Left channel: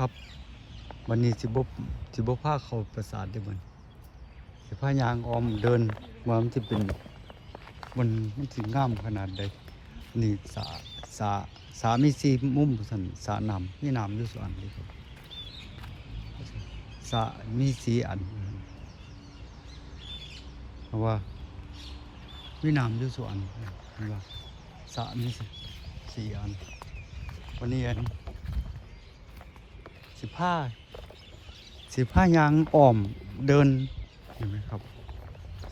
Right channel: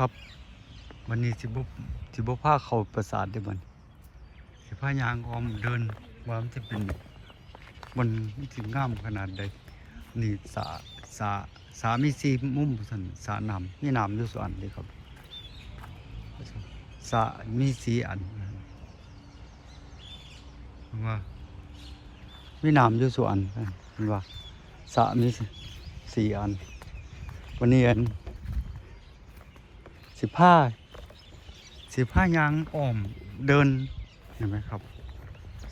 ครับวันนี้สิบสิบผ้าเขาประสาทได้บันสิผ้ายางออมเดินมันจะเป็นมันมันถึงง่ามขนาดใดนี่สาสาสามีสีมุมสันสานำมีน้ำอยู่ส่วนเลยครับสามีสีอันเพราะว่ามีนำอยู่ส่วนเห็นว่าสามีสีอันวันนี้อัน สิผ้าสิผ้ายางอ้อมเดินเห็นไหมครับ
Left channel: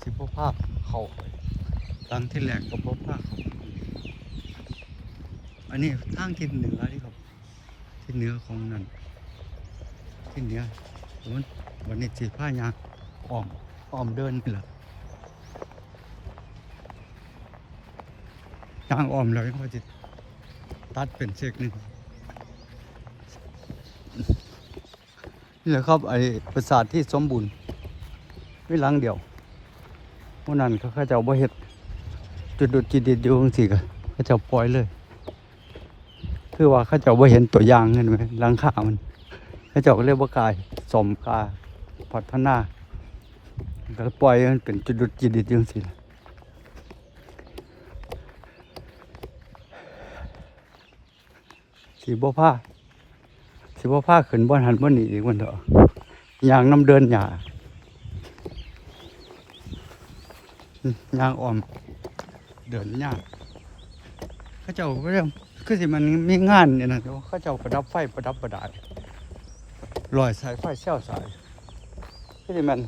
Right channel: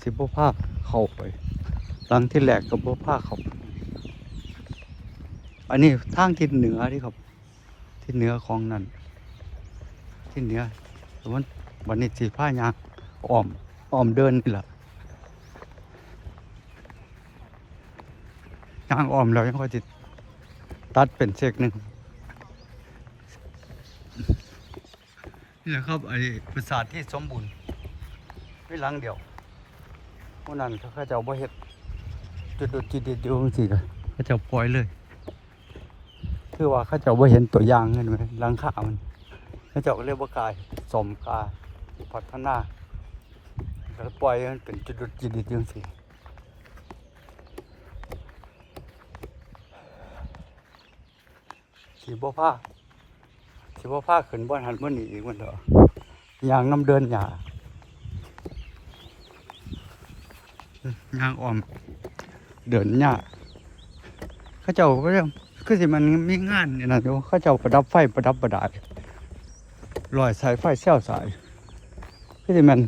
สิบผ้าเข้าไปหลังที่แหลกกับผ้าเข้าอันนี้ทางทิศเหนือที่ครับทิศเหนือของนั่นทิศเหนือแต่วันวันนี้สิผ้ายางอ้อมอ้อมเดินนี่แหละยางอ้อมแล้วยังพอจิตัดเป็นเซกหนึ่ง นี่แหละครับไอ้ปราสาทที่สมบูรณ์ไม่หลังเดียวพวกนั้นเขาเขาเจ้าบ่เฮ็ดจุดดุดจิตดิดอยู่จังซี่ก็เขาเจ้าปล่อยเลย คือว่าเขาเจ้าบ่เห็นตัวอย่างเห็นไหมลังคามันเขาเจ้าก็เลยบ่กายสมกล้าพัฒนาก็เลยปล่อยมันเป็นจุดดุดจิตดิดอยู่จังซี่สีบ่ผ้า สิว่าผ้าขึ้นบ้านหันบ้านนี้อีกวันเถอะยางน้ำเดินหยาอืมยางอ่อม เดินหยาเข้าเจ้าก็เรียกคือสิมันมีงานเนี่ยนะโยข้าเจ้าประดับไฟประดับประดาลอยสายไฟเชี่ยวสายคือสิมัน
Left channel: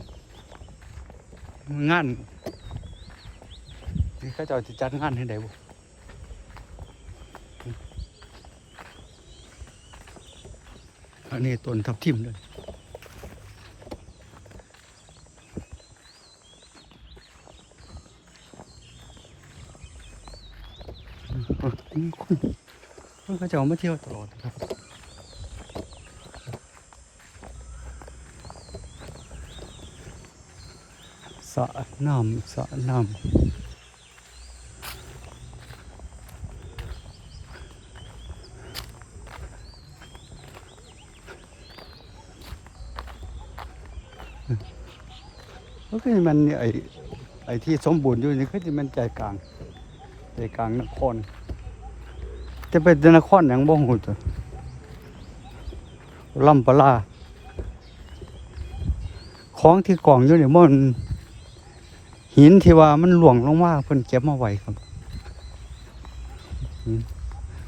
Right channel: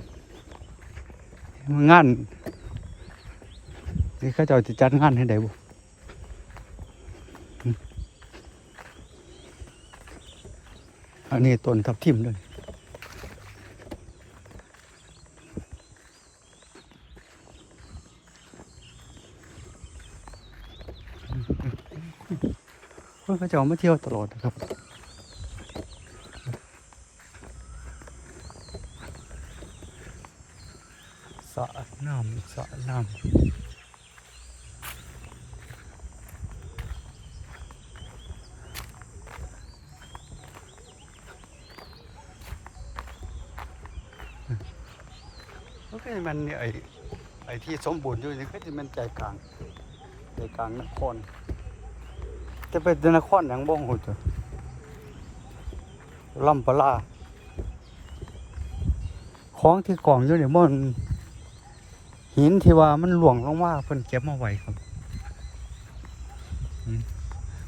งานนี่ข้าเจ้าจะจัดงานให้ได้บ่ อันนี้ต้นทับทิมด้วยคนเขาจะมาเที่ยวตลอดนะครับ สระน้ำสระน้ำ ก็คือมันไอไอ้ที่สมบูรณ์อยู่นี่ก็จะมันใจกลางใจกลางนครจะเป็นนครอย่างบ่หูตัวลำปลาของที่กล่องอยู่เนี่ยมันหินที่ว่ามันหลวงลงมาเพิ่นเก็บมาไว้ครับ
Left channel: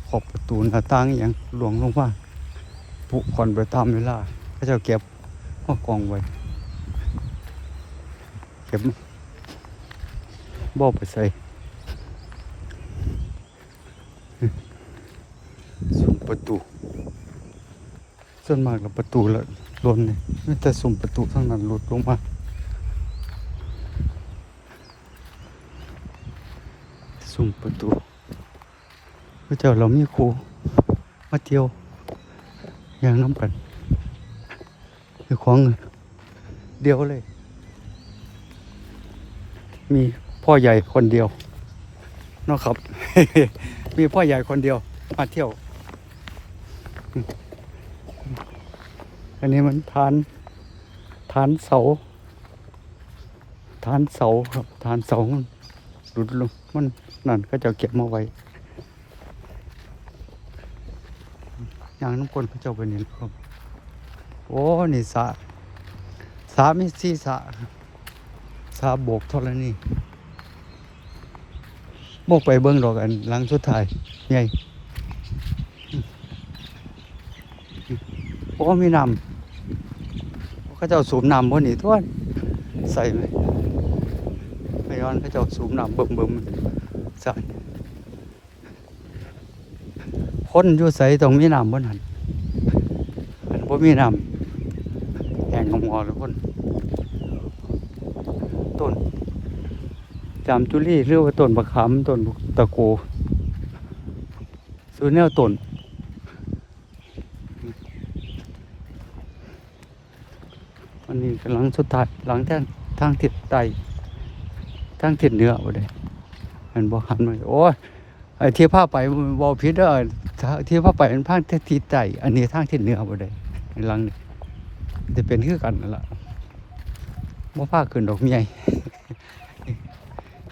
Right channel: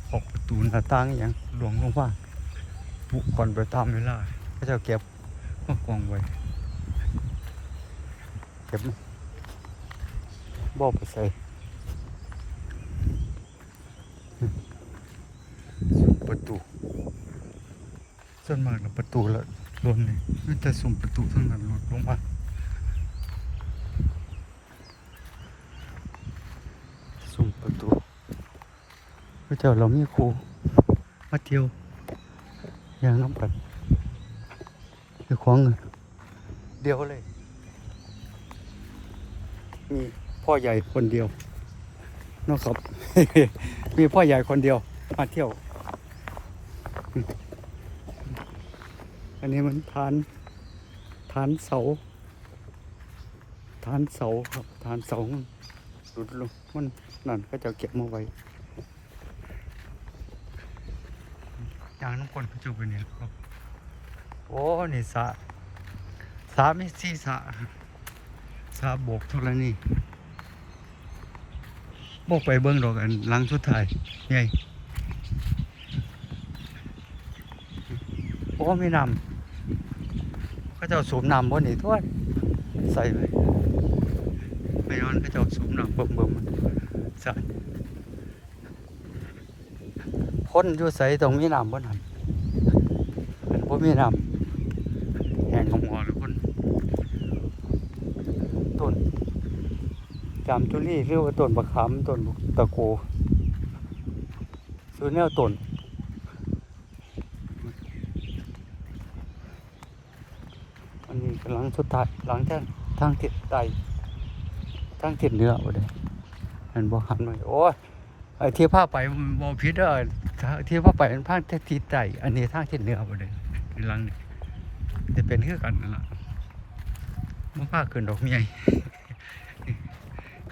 ขอบประตูหน้าต่างอย่างหลวงลงมาปุก่อนไปตามเวลาเขาเจะเก็บมากองไว้ เก็บบ่ไปใส่ซุ้มประตู ส่วนมากกับประตูละล้นเลยไม่แต่ซุ้มประตูทั้งนั้นหลุดลงมาซุ้มประตูพระเจ้าเรามีครูมาเที่ยวอย่างน้ำกันมีของเดียวเลย มีพ่อใหญ่คนเดียวนะครับ มีพ่อใหญ่คนเดียว มาเที่ยว อันนี้มันฐานฐานเสาฐานเสาครับฐานเสามันหลุดลงมันนั่นก็จะเก็บมาไว้อย่างน้ำคนเขาเจ้าไปนี่ครับ โอ้ นี่สะสระมีสี่สระ สระโบกเท่าไรนี่บกไปเบิ้งดอกอันหลังสุดท้ายใหญ่โอ้มีน้ำเขาเจ้าสูบน้ำบนนี้ทั่วใส่เลยไม่ย้อนเขาเจ้าสูบน้ำเบิ่มเบิ่มใส่คนอยู่ใส่ตรงมีน้ำบนนั้นบ่มีน้ำแห่งหมอเลยคนต้น จามจุลีหรือว่าต้นมะขามต้นตะโกสูแนวต้นอันนี้กำลังสุดท้ายหลังทางทางทิศใต้ทางทิศเหนือเอาเลยมันบอกหันมาโอ้ยไอ้ที่ผ้าไปมันบอพิษเด้อที่ผ้าไปมันทางทิศใต้อันนี้ทางทิศเหนือเอาเลยหลังจะเป็นคือกันนั่นล่ะบ่พาขึ้นดอกใหญ่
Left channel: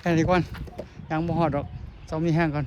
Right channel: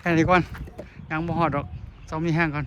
แค่นี้ก่อนยังบ่หอดดอกเซามีแห้งก่อน